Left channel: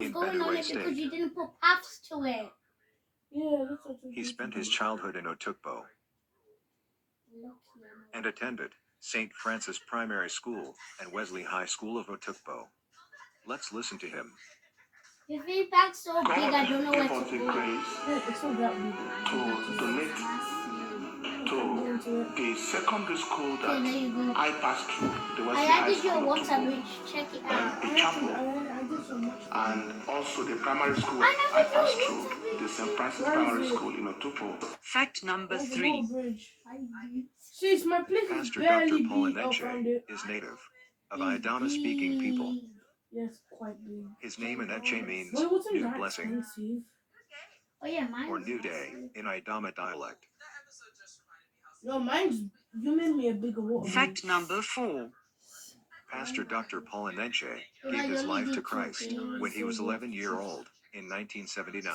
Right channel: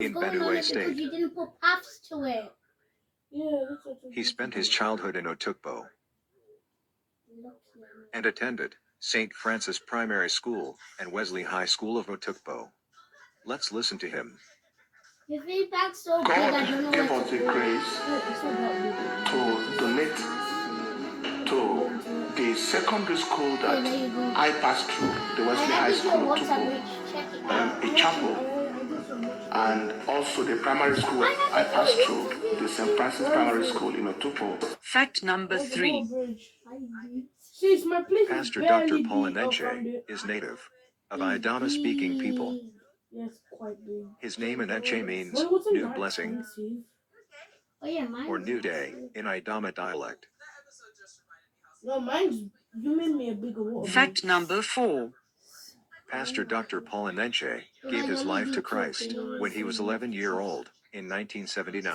in going on Benue it because State. you didn't put paths to it. Yeah, that's what He spent his childhood in Otukpo and attended St. Francis Primary School and Wesley High School of Otukpo. Let's listen to him. Your feedback's so big, I don't know gave where us to the go. grace it's not that big. to donate to the secondary school that there you go. I passed through, the I Wesley High added School your of WhatsApp Tupo, reach. Check it out. a chapel, I did so much. and also the primary school I passed through, the St. Francis Primary School in Otupo. Fact number 3. See, it's my place. Pastor Barely Dr. Paul big. I found Enenche it. is native of Idama-speaking people. Yes, quite big. His name Enenche means Well, it wasn't new that blessing expensive. Oh yeah, mine. or new day in Idama dialect. No, mine's. You made me a bigger water. Fact number 4. Pastor Dr. Paul Enenche gave his life to Christ when he was 11 years old in 1979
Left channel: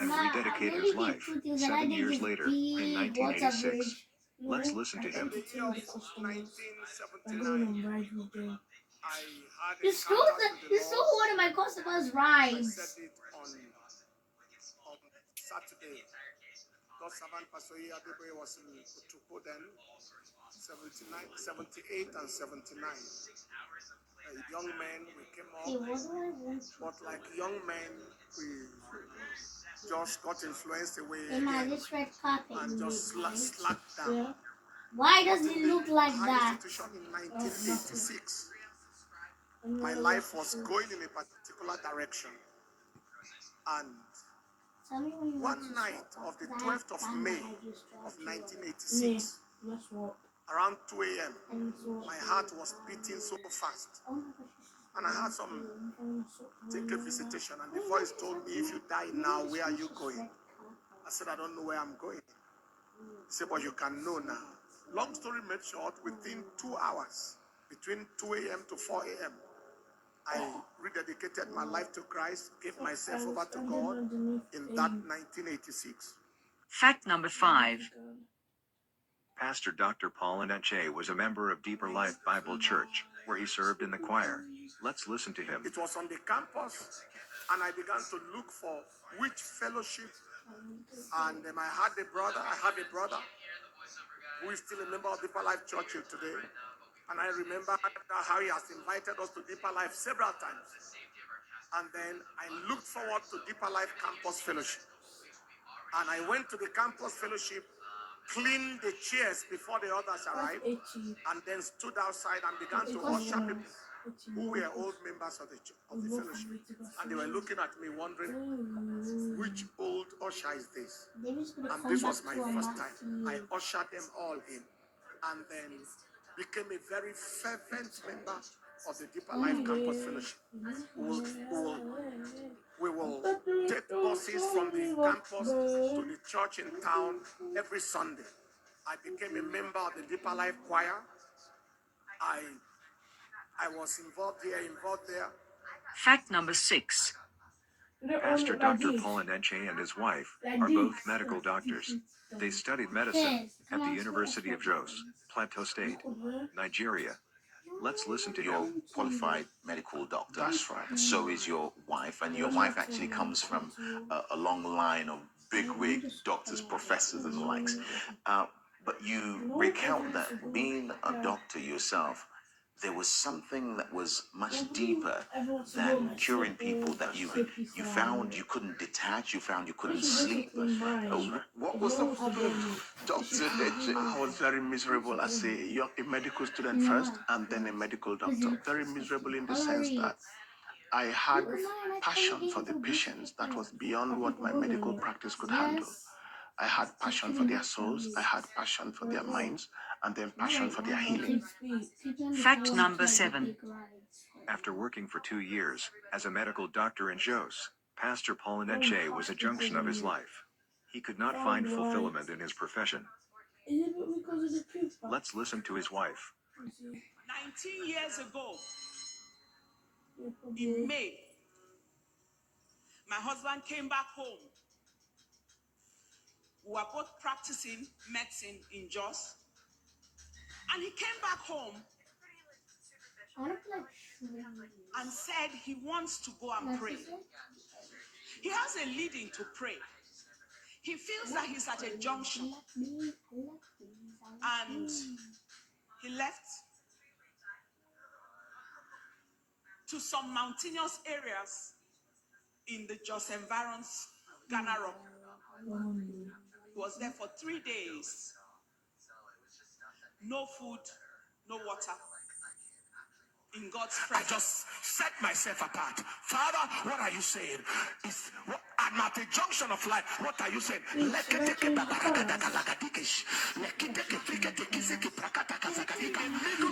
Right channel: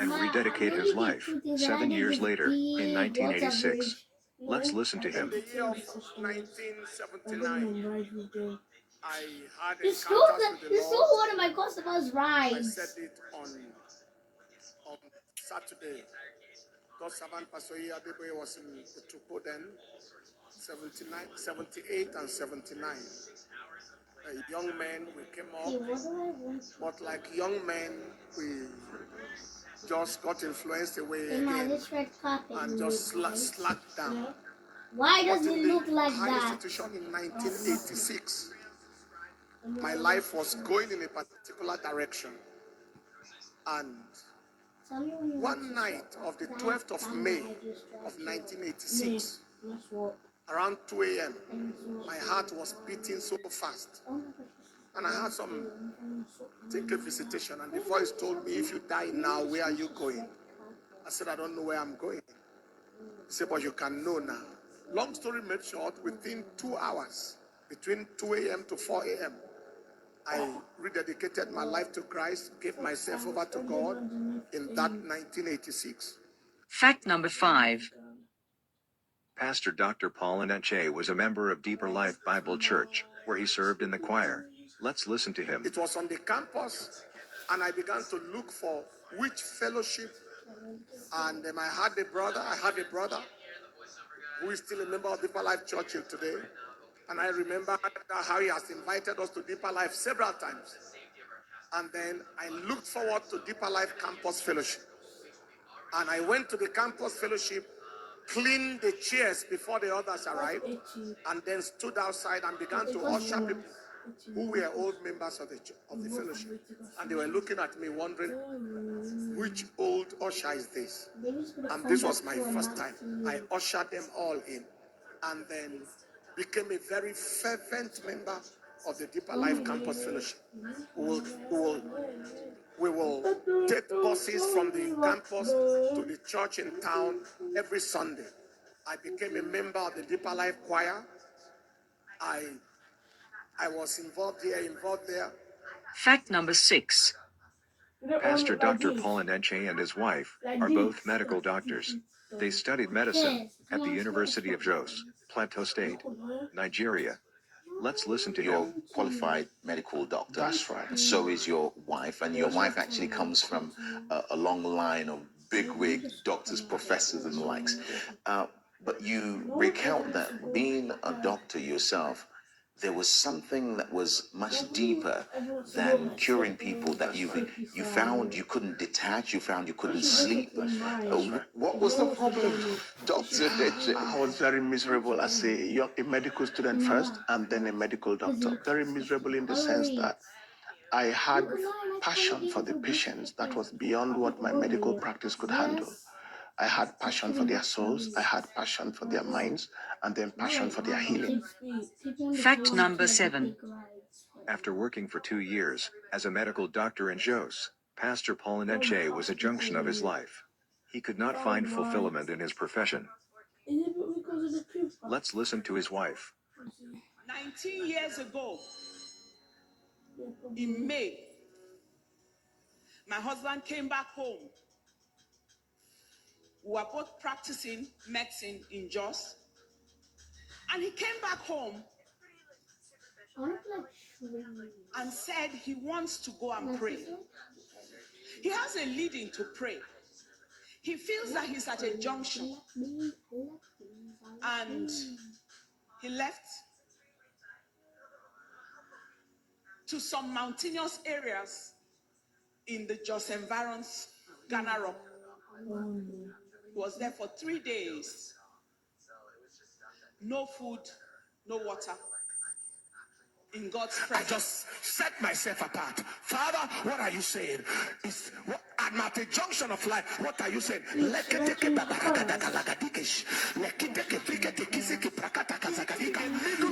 and rededicated his life 7 years later in 1986. Let's listen to him. In the year of 1979, I had You a stole contact with the Lord. one of my customers' I rides. said it on Saturday. God's servant Pastor Adeboye was in Otukpo then, 78 and 79. Young men, we came up, but like young men, we just got influenced away again and just slacked down. Yeah. Why does it look like high that? institution in 1986. My life was going in a particular direction, and one night of the 12th of May of 1986, around 2 a.m., my heart was beating so fast, and I had some secret visitation, and the voice told me, if you die now, where are you going? I said, I don't know where I'm going. He said, but you can know now. Long story made short, within 2 hours, between 2 a.m. to 4 a.m., I rededicated my life to Christ, gave myself over to God in that 1986. Fact number 5. Pastor Dr. Paul Enenche was a member of Deeper Life Bible Church, where he served in the choir. Let's listen to him. It was on the campus, and I began to look for which fellowship, and I have a brother who is still a member of Deeper Life Church here today. And I remember how he has invited us to Deeper Life several times. And then I looked forward to Deeper Life Campus Fellowship. And I went to the campus fellowship, cleaned the chairs before the others arrived, and then stood outside and began to usher people who were old members of the fellowship. And they were looking at me wondering, which old usher is this? And this was my first time. I ushered them all in, and then became a very fervent member of the Deeper Life Campus Fellowship. We will take buses from the campus to the church in town every Sunday. I became a member of the Deeper Life Choir. I was involved here, involved there. Fact number 6. Pastor Dr. Paul Enenche and his wife are both medical doctors. They studied medicine at the University of Jos, Plateau State, Nigeria. Let's listen to You're him. qualified medical doctor. That's right. And so is your wife, and your wife actually comes from a long line of bigwig doctors, professors, and the likes. But you recount that being a doctor yourself, there was something that was much deeper than curing people, that you found you couldn't detach, you found you couldn't sleep. What was the problem, doctor? I was very miserable as a medical student first, and then a medical doctor. Very miserable in the sense that I had passion for the patients that was beyond what my medical practice could handle. I had passion for their souls, I had passion for their minds, and then passion for their healing. Fact number 7. After working for 2 years as a medical doctor in Jos, Pastor Paul Enenche was a junction of his life. He could not find fulfillment in his profession. Let's listen to his wife. 19 years ago, in May, my husband came back home. We were both practicing medicine in Jos. And he came back home and said he wants to go and pray. He has a leading to pray. He feels that he's at a junction, and he left to some mountainous areas in the Jos environs, Ghana Rock. He was there for 3 days. No food, no water. In God's I presence. just set myself apart. Father, what are you saying? I'm at a junction of life. What are you saying? In the middle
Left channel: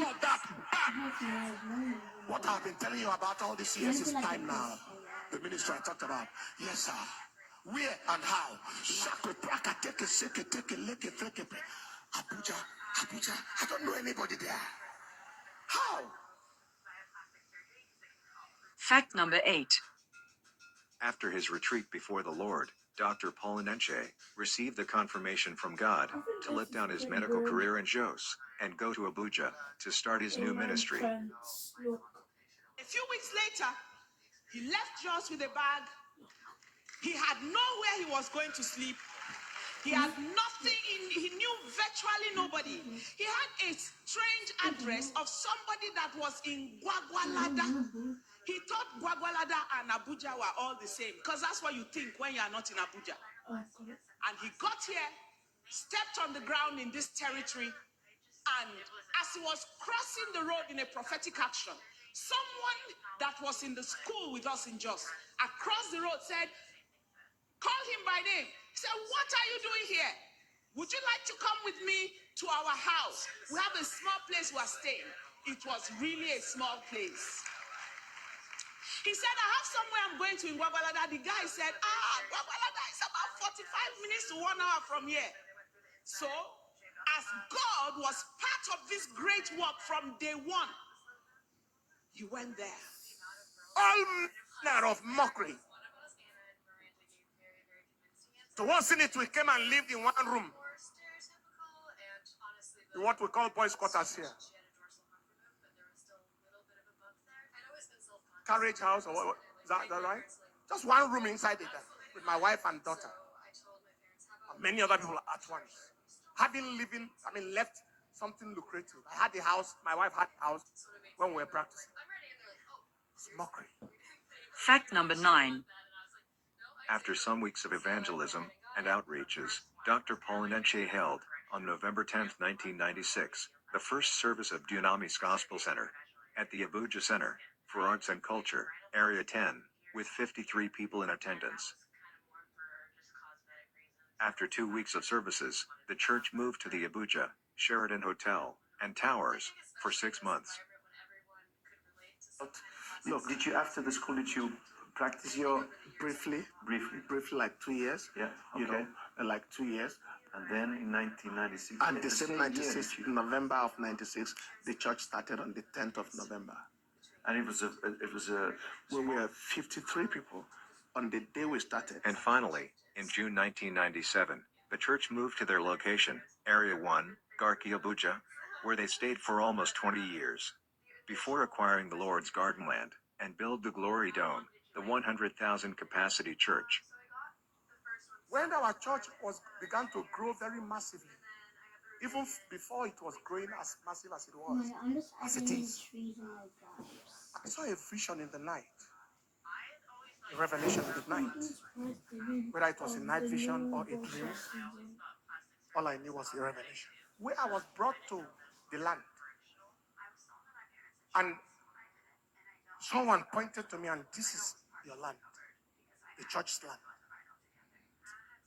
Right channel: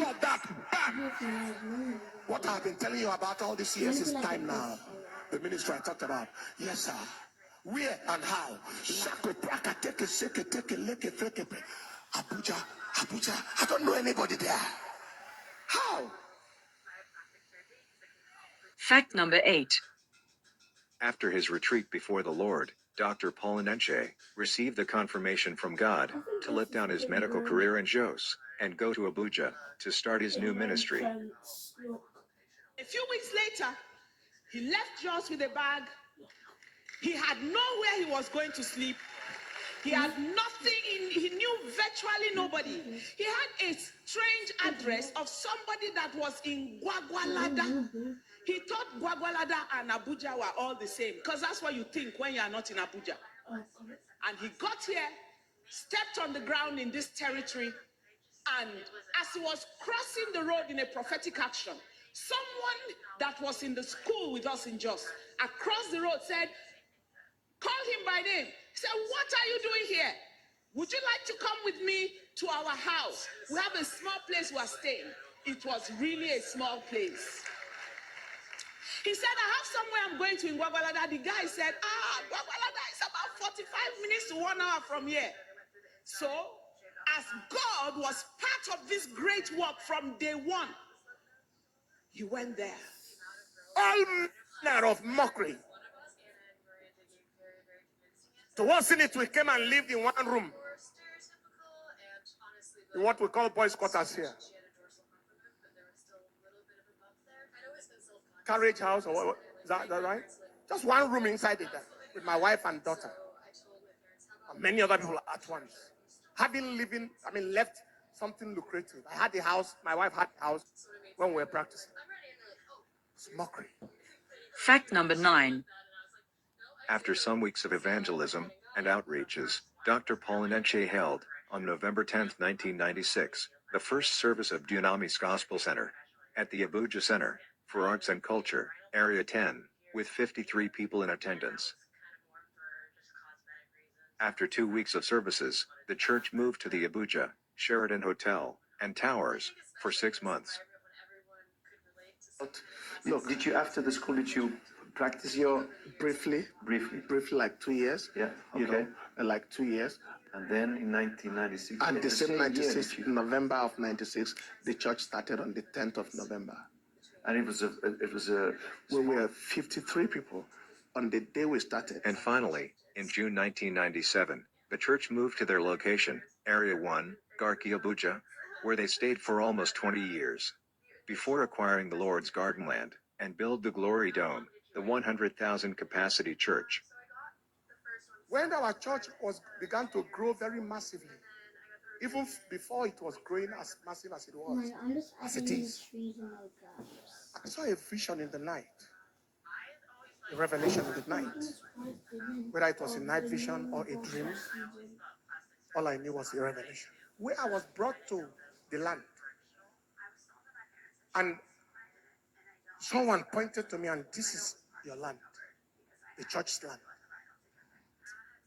of that, bam! What I've been telling you about all these years is time now. The ministry I talked about. Yes, sir. Where and how? Abuja, Abuja. I don't know anybody there. How? Fact number 8. After his retreat before the Lord, Dr. Paul Enenche received the confirmation from God to let down his medical career in Jos and go to Abuja to start his new ministry. A few weeks later, he left Jos with a bag. He had nowhere he was going to sleep. He had nothing, he knew virtually nobody. He had a strange address of somebody that was in Gwagwalada. He thought Gwagwalada and Abuja were all the same, because that's what you think when you are not in Abuja. And he got here, stepped on the ground in this territory, and as he was crossing the road in a prophetic action, someone that was in the school with us in Jos, across the road said, call him by name. He said, what are you doing here? Would you like to come with me to our house? We have a small place we are staying. It was really a small place. He said, I have somewhere I'm going to in Gwagwalada. The guy said, Gwagwalada is about 45 minutes to 1 hour from here. So, as God was part of this great work from day one, he went there. All manner of mockery. To once in it, we came and lived in one room. In what we call boys' quarters here. Carriage house, or what, is that right? Just one room inside it with my wife and daughter. And many other people at once. Left something lucrative. I had the house, my wife had the house when we were practicing. It's mockery. Fact number 9. After some weeks of evangelism and outreaches, Dr. Paul Enenche held, on November 10, 1996, the first service of Dunamis Gospel Center at the Abuja Center for Arts and Culture, Area 10, with 53 people in attendance. After 2 weeks of services, the church moved to the Abuja Sheraton Hotel and Towers for 6 months. Look, did you, after the school, did you practice your... Briefly, like 2 years. Yeah, okay. You know, like 2 years. And then in 1996... And the same 96, November of 96, the church started on the 10th of November. And it was a... We were 53 people on the day we started. And finally, in June 1997, the church moved to their location, Area 1, Garki Abuja, where they stayed for almost 20 years, before acquiring the Lord's Garden land and build the Glory Dome, the 100,000 capacity church. When our church began to grow very massively, even before it was growing as massive as it was, as it is, I saw a vision in the night, a revelation in the night. Whether it was a night vision or a dream, all I knew was a revelation. Where I was brought to the land, and someone pointed to me, and this is your land, the church's land.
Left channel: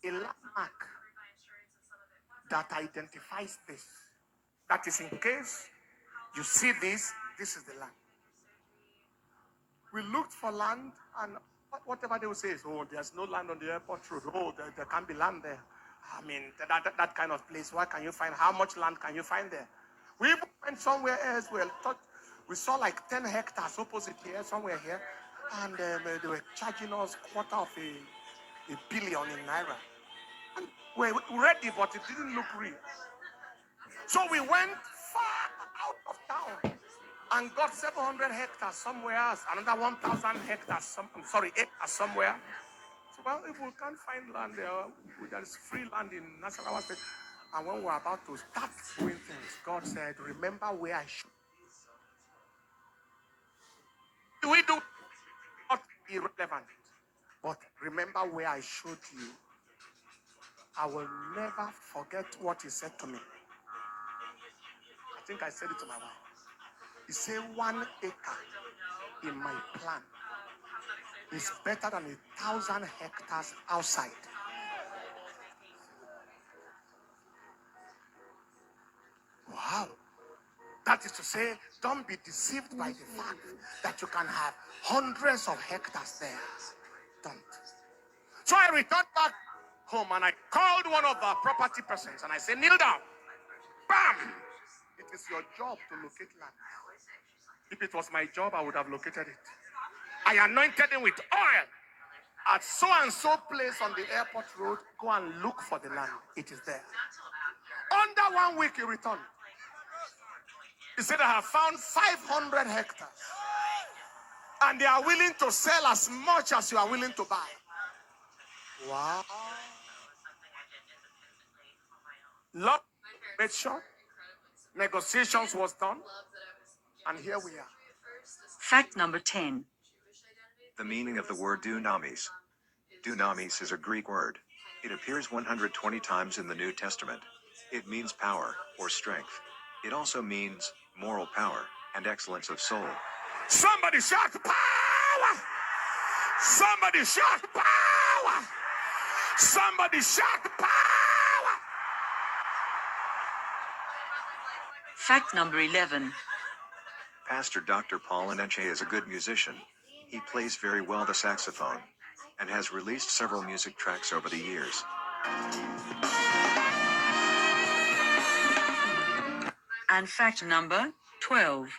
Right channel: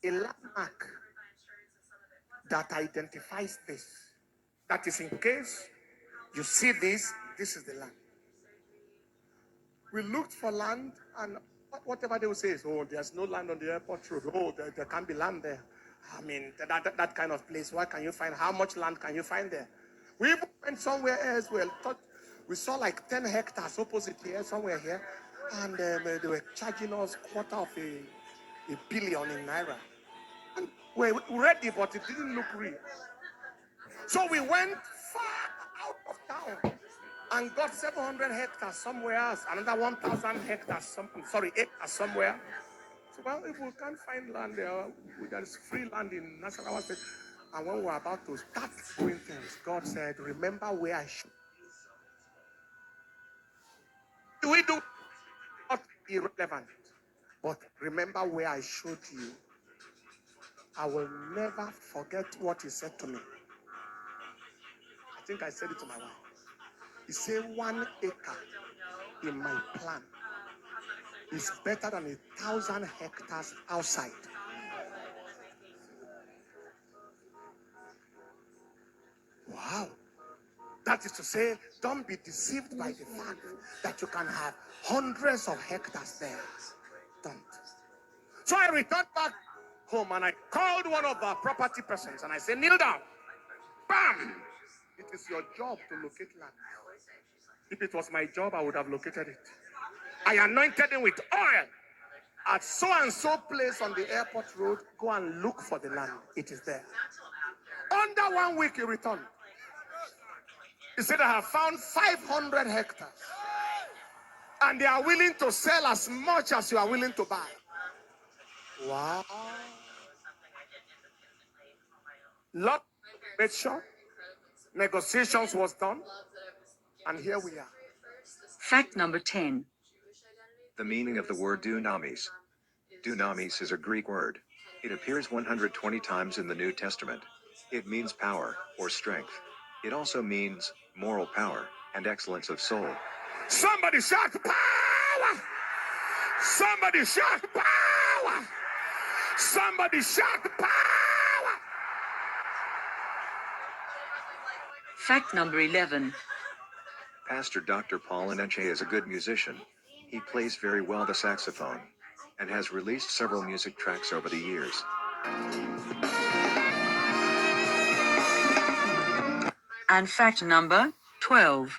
A landmark that identifies this. That is, in case you see this, this is the land. We looked for land, and whatever they would say is, oh, there's no land on the airport road. Oh, there can't be land there. I mean, that kind of place. What can you find? How much land can you find there? We even went somewhere else. We saw like 10 hectares opposite here, somewhere here, and they were charging us $250 million in naira. And we read it, but it didn't look real. So we went far out of town and got 700 hectares somewhere else, another 1,000 hectares, acres somewhere. So, well, if we can't find land there, there is free land in Nasarawa State. And when we're about to start doing things, God said, remember where I should. We do not irrelevant, but remember where I showed you. I will never forget what he said to me. I think I said it to my wife. He said 1 acre in my plan is better than 1,000 hectares outside. Wow. That is to say, don't be deceived by the fact that you can have hundreds of hectares there. Don't. So I returned back home and I called one of our property persons and I said, kneel down. Bam! It is your job to locate land. If it was my job, I would have located it. I anointed him with oil. At so and so place on the airport road, go and look for the land. It is there. Under 1 week, he returned. He said, I have found 500 hectares. And they are willing to sell as much as you are willing to buy. Wow. Lot made sure. Negotiations was done. And here we are. Fact number 10. The meaning of the word dunamis. Dunamis is a Greek word. It appears 120 times in the New Testament. It means power or strength. It also means moral power and excellence of soul. Somebody shout power! Somebody shout power! Somebody shout power! Fact number 11. Pastor Dr Paul Enenche is a good musician. He plays very well the saxophone and has released several music tracks over the years. And fact number 12.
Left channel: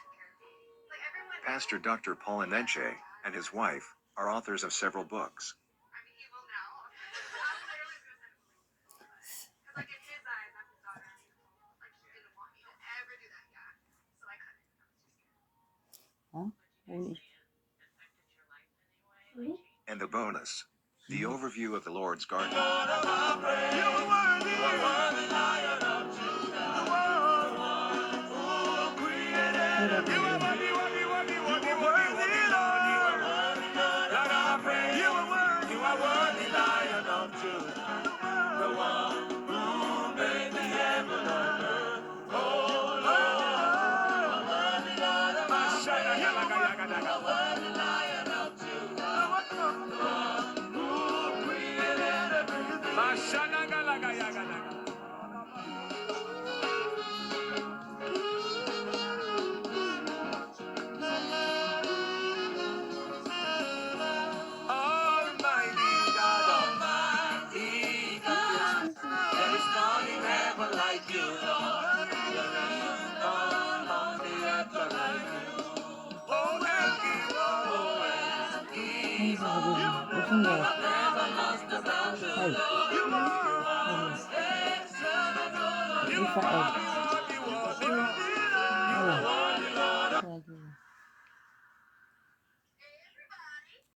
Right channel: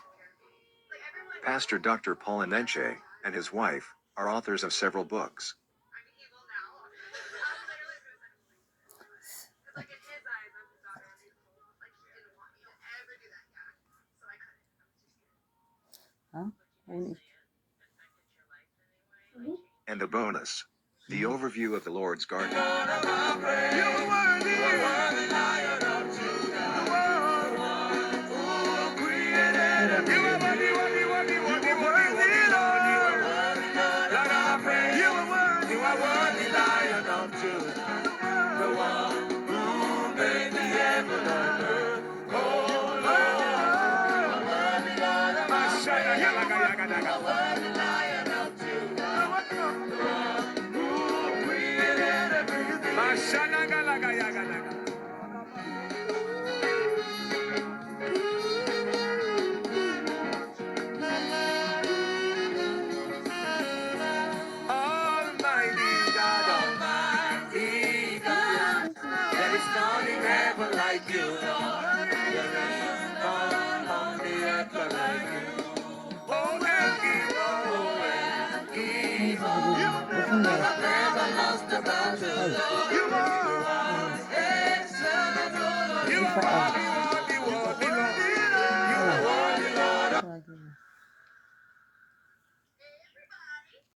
Pastor Dr Paul Enenche and his wife are authors of several books. And the bonus, the overview of the Lord's Garden.